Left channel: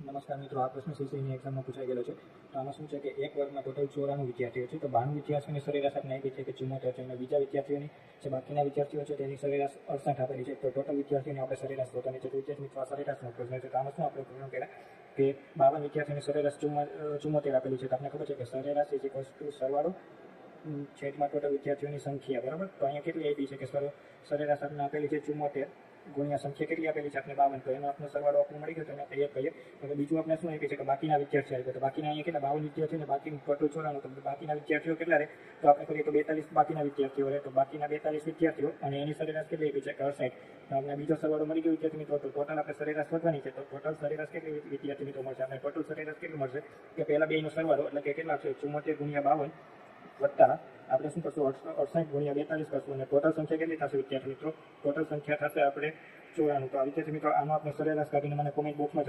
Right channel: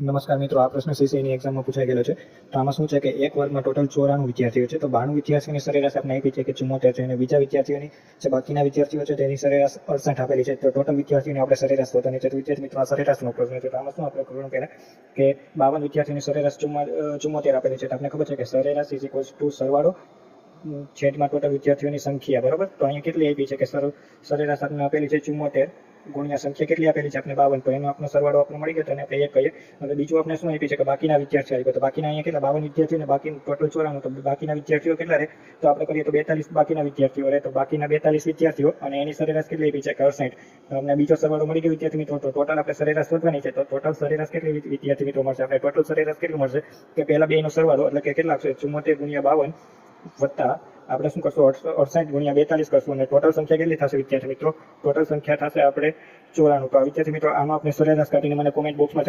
નમસ્કાર મિત્રો, આ પ્રશ્ન સીસીની એક્ઝામમાં પૂછાઈ ગયેલો છે. તો આમાં શું છે કે એક વર્ગમાં ટોટલ 94 વિદ્યાર્થીઓ છે. તો 92 વિદ્યાર્થીઓની સરેરાશ આપણે આપી છે કે 74 છે, અને બીજા વિદ્યાર્થીઓની જે બાકીના વિદ્યાર્થીઓ છે તેની સરેરાશ 68 આપેલી છે. તો ટોટલ વિદ્યાર્થીઓની આપણે સરેરાશ શોધવાની છે. તો વિદ્યાર્થી મિત્રો, આ સરેરાશનો પ્રશ્ન છે. તો આમાં શું આપણે કરવાનું પહેલાં કે 52 વિદ્યાર્થીઓની સરેરાશ 74 આપેલી છે. તો આપણે ખબર છે કે સરેરાશ ઇઝ ઇક્વલ્સ ટુ સરવાળો છેદમાં ટોટલ વિદ્યાર્થીઓની સંખ્યા, બરાબર. તો અહીંયા કેટલી આપી છે કે સરેરાશ આપણે આપેલી છે 74 ગુણ્યા સંખ્યા કેટલી આપેલી છે આપણે 52. તો એનો આપણો સરવાળો આપણે મળી ગયો. તો એને આપણે 1 કહીએ. હવે બીજું આપણે શું આપી છે કે બાકીના વિદ્યાર્થીઓ આવી ગયો. તો બાકીના અહીંયા કેટલા 52 વિદ્યાર્થીઓ ને બાકી ટોટલ 94. તો બાકીના વિદ્યાર્થીઓ કેટલા રહે? તો આપણે કરીએ તો 42 બાકીના વિદ્યાર્થીઓ રહે. તો બાકીના 42 વિદ્યાર્થીઓ અને એની સરેરાશ કેટલી આપી છે કે 68. તો આપણે બીજો સરવાળો મળી ગયો વિદ્યાર્થી મિત્રો. તો ટોટલ આપણે સરેરાશ શોધવાની છે. તો ટોટલ સરેરાશ કેટલી વિદ્યાર્થી મિત્રો મળશે? આપણે ટોટલ સરેરાશ કેટલું મળશે કે પહેલા બેનો સરવાળો એટલે કે કેટલા આવશે? 74 ગુણ્યા 52 વત્તા આપણે શું કરશું 68 ગુણ્યા 42 કરશું, અને ટોટલ સંખ્યા કેટલી થશે વિદ્યાર્થી મિત્રો? ટોટલ સંખ્યા થશે આપણે 94. તો વિદ્યાર્થી મિત્રો, આમાં આપણે સરેરાશ કાઢીને મને કોમેન્ટ બોક્સમાં